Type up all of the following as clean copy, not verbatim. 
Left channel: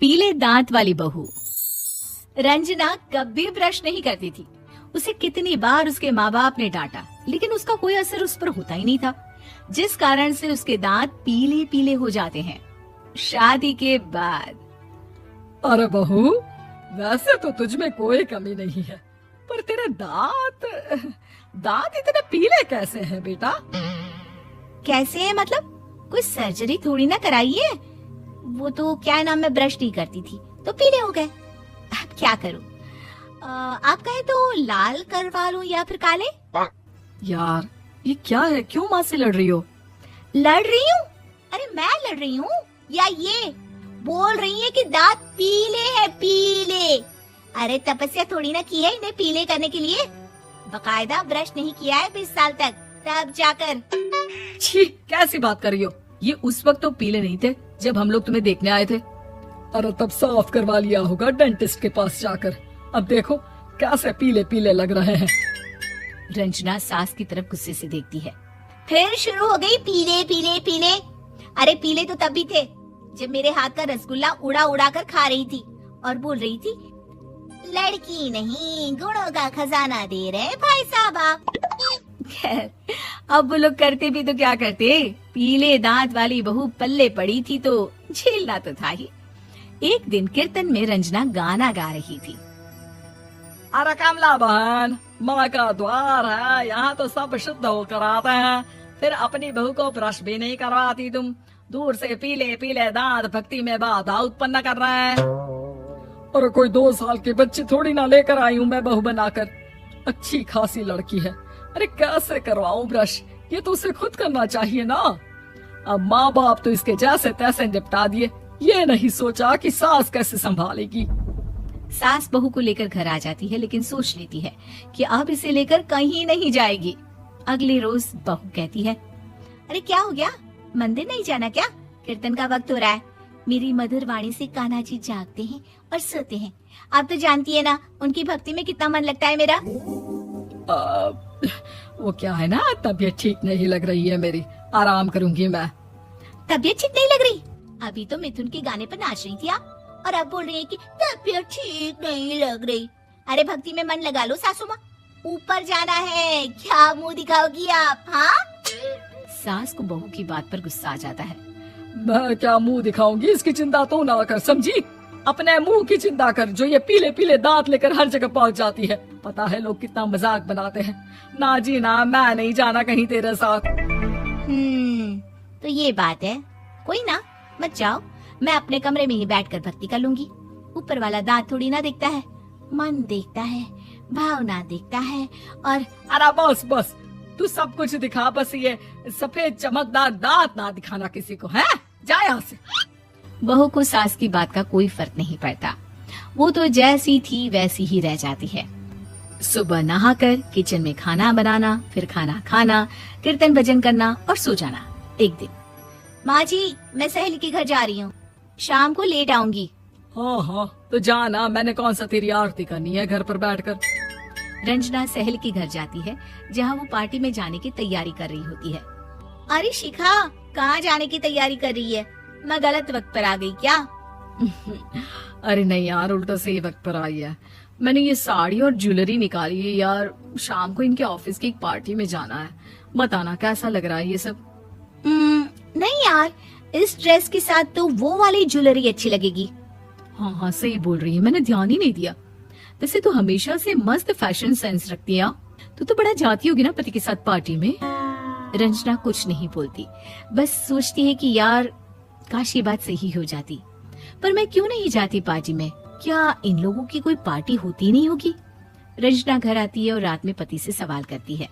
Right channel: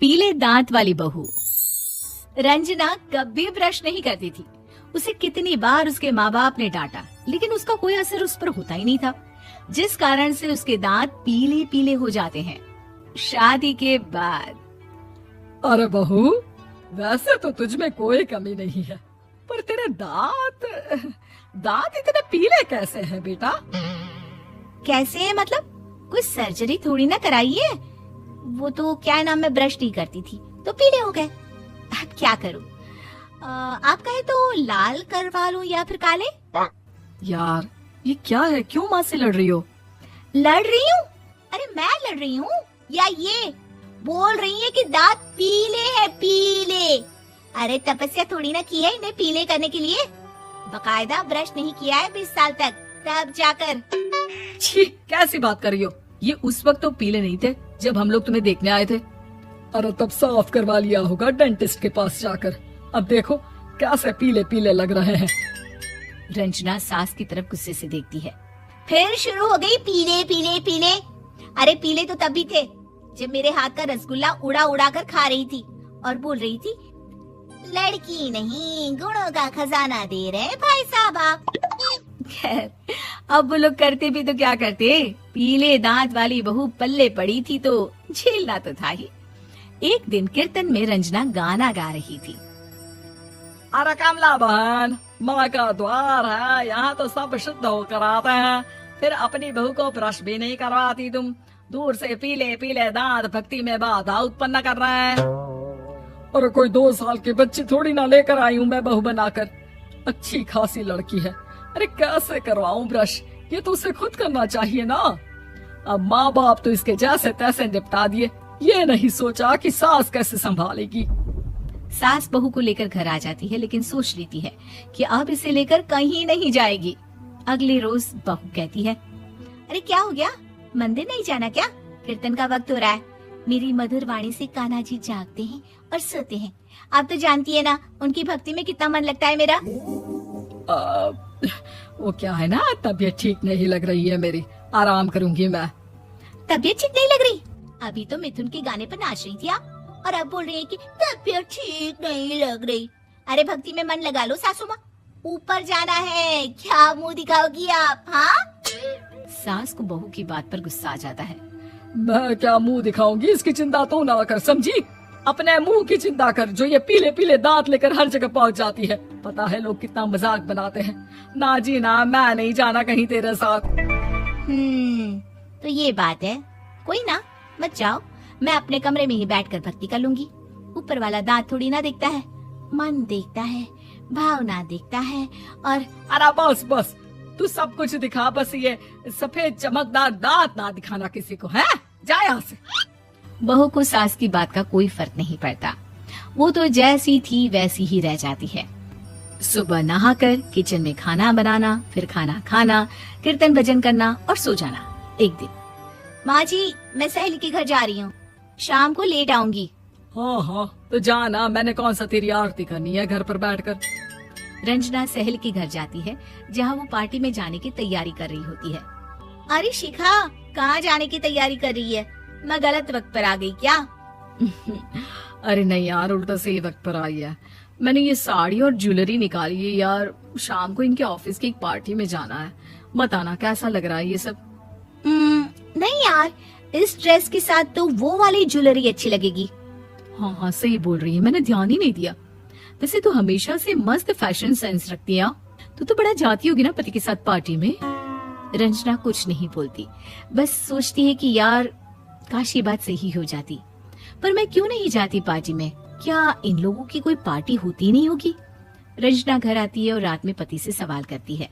पीले दांत वाली बहू। रंजना कभी ब्रश नहीं करती थी। उसे कितनी बार उसके माँ बाप ने डांटा, लेकिन उसका कोई असर उस पर होता ही नहीं था, जिस कारण से उसके दांत पीले पीले हो जाते हैं। शादी के बाद अरे बहू, वैसे तो तुझ में कोई कमी नहीं है, पर तेरे दांत इतने पीले कैसे हैं बेटा? कैसे है मतलब? कोई सर्जरी थोड़ी ना कराई है। वो तो क्या नाम, मैं ब्रश नहीं करती थी तो पीले हो गए। अब क्या करूं? आप कहें तो लाल करवा लूं या फिर काले? यार ये क्या है, क्यों माँ से लड़ रही हो? लड़ रही हूँ? अरे मैं लड़ रही हूँ या ये बोल रही है कि दांत पीले हैं, पीले। अरे तपस्या थोड़ी ना की है इन्हें पीले करने के लिए। बकायदा ब्रश नहीं किया है 20 साल तक, तब जाकर। छी, कैसी बात कर रही हो? ये उस वक्त तो पीले नहीं थे जब हम लोग तुम्हें देखने आए थे। अरे तब साफ करवा लिया होगा डेंटिस्ट के पास जाकर। अब देखो कैसे पीले पीले लग रहे हैं। रंजना सास की तरफ गुस्से से देखती है। फिर शुरू हो गई पीले पीले पीले। अरे पीले तो तब भी थे जब मेरे हाथ का रसगुल्ला उड़ा उड़ा कर खा रही थी और बोल रही थी, लड़की नहीं गुणों का खजाना दे रहे भाई साहब आप। खैर, अब वो लोग करते भी तो क्या करते, पीले दांत वाली बहू पल्ले पड़ी थी तो झेलना तो था ही। एक दिन कीर्तन में रंजना गाना गा रही थी। अरे कमला बहन, माँ का द्वार है, यहाँ तो सब शुद्ध होकर आते हैं, फिर अपनी बहू को ब्रश भी नहीं करवाती तुम। दूर से पीले पीले दांत भक्ति में बाधा उत्पन्न कर रहा है। अरे कोई 2 साल के बच्चे थोड़ी ना लेकर आई हूँ मैं बहू बनाकर। अच्छी खासी लड़की है, अरे कैसे करवाऊं ब्रश? ये तो उसे खुद करना चाहिए ना। अब माँ बाप तो इसके जैसे तैसे निपटा दिए, ये नहीं सोचा कि सास कैसे संभालेगी। सास बहू को लेकर घर आ जाती है, लेकिन सोच लेती है कि आप इसे लेकर कहीं नहीं जाएगी। अगले रोज बहू कहती है, अरे क्या हो गया, मंदिर नहीं जाना क्या? कीर्तन का वक्त हो रहा है। मेरी मधुर वाणी से कान्हा जी जागते हैं और सोते हैं। आप तो जानती है ना उनकी भक्ति में कितना मन लगता है मेरा। वो क्या है ना, तबीयत ठीक नहीं लग रही है मेरी, आराम करूंगी मैं। तबीयत ठीक नहीं लग रही? अभी तो मिथुन के गाने पर नाच रही थी आप, और अब बोल रही है कि तबीयत ठीक नहीं लग रही। अरे भक्ति में मन लगा लो सासू माँ, ऊपर जाना है, क्या मुंह दिखाओगी आप? हाँ, सास को बहू की बात पर गुस्सा आ जाता है। मैं क्या मुंह दिखाऊंगी, इसकी चिंता तो ना कर, समझी? अपने मुंह की चिंता कर, जो ये पीले पीले दांत लेकर हर जगह पहुंच जाती है। पता है लोग कितना मजाक बनाते हैं। ना जी ना, मैं नहीं जाना कहीं तेरे साथ। तो ये बात है, कोई ना, मत जाओ, मैं अपने कमरे में ही बैठकर भक्ति कर लूंगी। ऊपर वाला दांत थोड़ी ना देखता है, मन देखता है, भावना देखता है। और अरे बस बस, तू सब कुछ दिखा, बस ये सफेद चमकदार दांत ना दिखाना किसी को, है? जा यहाँ से। बहू को सास की बात का कोई फर्क नहीं पड़ता, वो तो जैसी थी वैसी ही रह जाती है। सुबह नहाकर किचन में खाना बनाना, फिर खाना खाना, कीर्तन भजन करना और सो जाना। एक दिन, माँ जी मैं सहेली के घर जा रही हूँ, शाम को लेट आऊंगी। हाँ, तो जाना, मैंने कौन सा तेरी आरती करनी है घर पर बैठकर। रंजना सहेली के घर जाती है, जहाँ वो पार्टी में जाने की तैयारी कर रही होती है। अरे शिखा, कहाँ जाने की तैयारी कर रही है? मैं गलत वक्त पर आ गई क्या? अरे नहीं यार, उल्टा सही वक्त पर आई है। मैंने ये साड़ी और ज्वेलरी निकाली है यार, शाम को इनके ऑफिस की एक पार्टी में जाना है। बताना कैसा लग रहा है ये सब? नहीं यार, इस ड्रेस के साथ तो वो वाली ज्वेलरी अच्छी लगेगी। हाँ, सही बोल रही है, मैंने ध्यान ही नहीं दिया। वैसे तो हमेशा से मस्त फैशन सेंस रखती है। तो बड़ा जाती होगी ना पति के साथ पार्टी में। रंजना कुछ नहीं बोलती, बस सोचती है कि यार काश ये बात सही हो जाती, पर मैं क्यों नहीं जाती पार्टी में? क्या इन लोगों की कोई पार्टी होती नहीं होगी? रंजना घर आती है और रात में पति से सवाल करती है,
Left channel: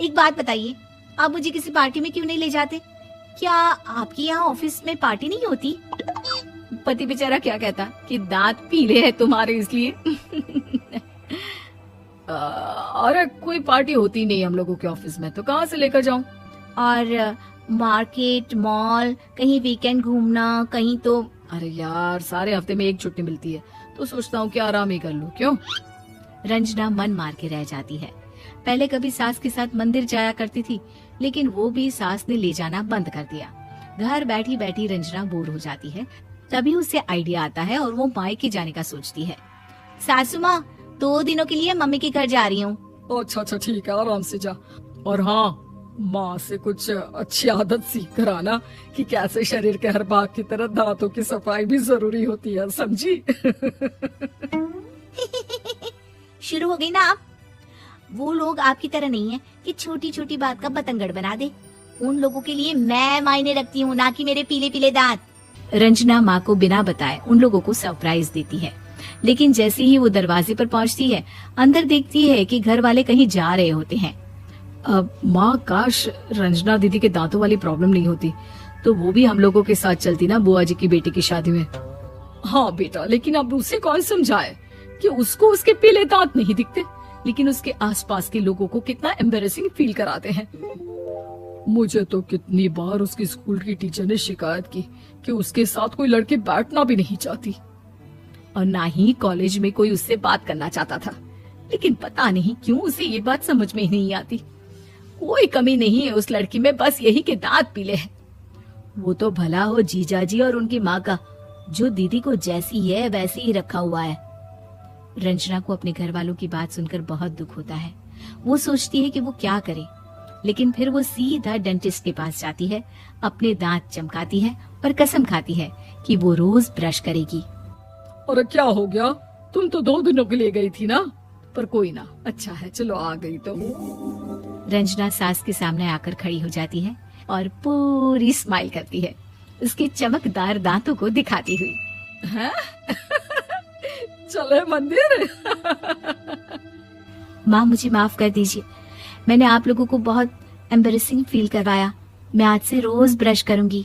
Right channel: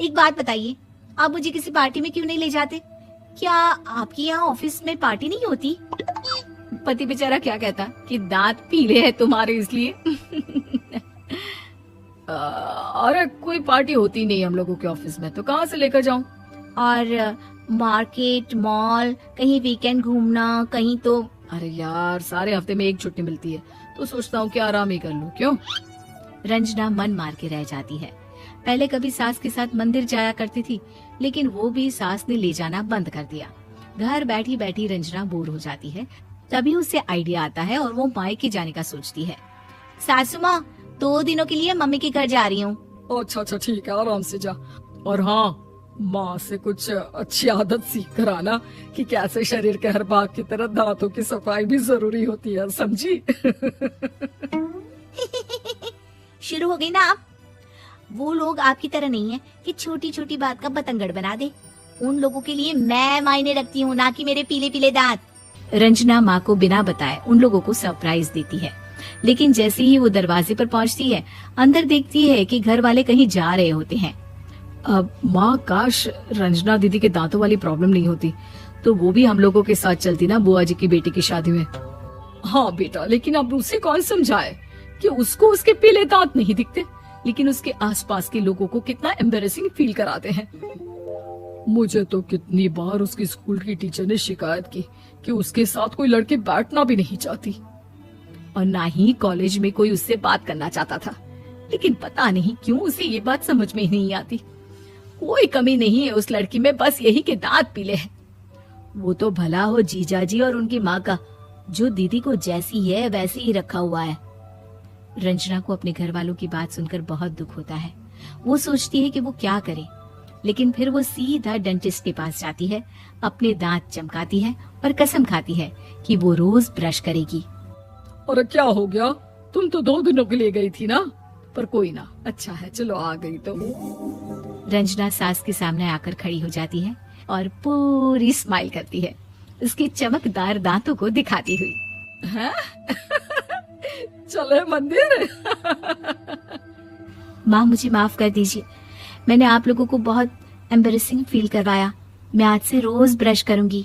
एक बात बताइए, आप मुझे किसी पार्टी में क्यों नहीं ले जाते? क्या आपके यहाँ ऑफिस में पार्टी नहीं होती? पति बेचारा क्या कहता कि दांत पीले हैं तुम्हारे इसलिए। अरे कोई पार्टी होती नहीं हम लोगों के ऑफिस में, तो कहाँ से लेकर जाऊं? और मार्केट, मॉल, कहीं वीकेंड घूमना, कहीं तो। अरे यार, सारे हफ्ते में एक छुट्टी मिलती है, तो सोचता हूँ कि आराम ही कर लूं। क्यों? रंजना मन मार के रह जाती है। पहले कभी सास के साथ मंदिर जाया करती थी, लेकिन वो भी सास ने ले जाना बंद कर दिया। घर बैठी बैठी रंजना बोर हो जाती है, तभी उसे आइडिया आता है और वो मायके जाने का सोचती है। सासू माँ, 2 दिनों के लिए मम्मी के घर जा रही हूँ। अच्छा अच्छा ठीक है, आराम से जा। और हाँ, माँ से कुछ अच्छी आदत सीख कर आना कि कैसे शरीर के हर भाग की तरह दांतों की सफाई भी जरूरी होती है, समझी? शुरू हो गई ना आप। वो लोग आपकी तरह नहीं है कि छोटी छोटी बात का बतंगड़ बना दे। उन लोगों के लिए मैं मायने रखती हूँ, ना कि मेरे पीले पीले दांत। रंजना माँ को बिना बताए उन लोगों को सरप्राइज देती है, लेकिन जैसे ही वो दरवाजे पर पहुंचती है, अंदर देखती है कि घर वाले कहीं जा रहे होते हैं। अब माँ, काश रंजना दीदी के दांतों वाली प्रॉब्लम नहीं होती तो वो भी हम लोगों के साथ चलती ना बुआ जी की बेटी की शादी में। हाँ बेटा, लेकिन अब उसे कौन समझाए कि उसको उसके पीले दांत नहीं दिखते, लेकिन उसके आसपास के लोगों को कितना एम्बैरेसिंग फील कराते हैं। मुझे तो कितनी बार उसकी स्कूल की टीचर ने शिकायत की कि उसके साथ कोई लड़की बैठना भी नहीं चाहती, और ना ही कॉलेज में कोई उससे बात करना चाहता था। लेकिन पता नहीं क्यों उसे ये बात समझ में ही नहीं आती। कोई कमी नहीं है उस लड़की में, बस यही के दांत पीले हैं। वो तो भला हो जीजाजी और उनकी माँ का, जो दीदी को जैसी है वैसे ही रखा हुआ है। रंजना को अपने घर वालों की बात सुनकर बहुत दुख होता है। वो सोचती है कि वो क्या करे, लेकिन फिर वो सीधा डेंटिस्ट के पास जाती है, अपने दांत चमकाती है और कसम खाती है कि वो रोज ब्रश करेगी। अरे क्या हो गया, तुम तो 2 दिनों के लिए गई थी ना, पर कोई ना, अच्छा है, चलो आ गई तुम। रंजना सास के सामने आकर खड़ी हो जाती है और पूरी स्माइल करती है, उसके चमकदार दांतों को दिखाती हुई। चले मंदिर। माँ, मुझे माफ कर दीजिए, मैंने आप लोगों को बहुत एम्बैरेसिंग फील करवाया। मैं आज से रोज ब्रश करूंगी।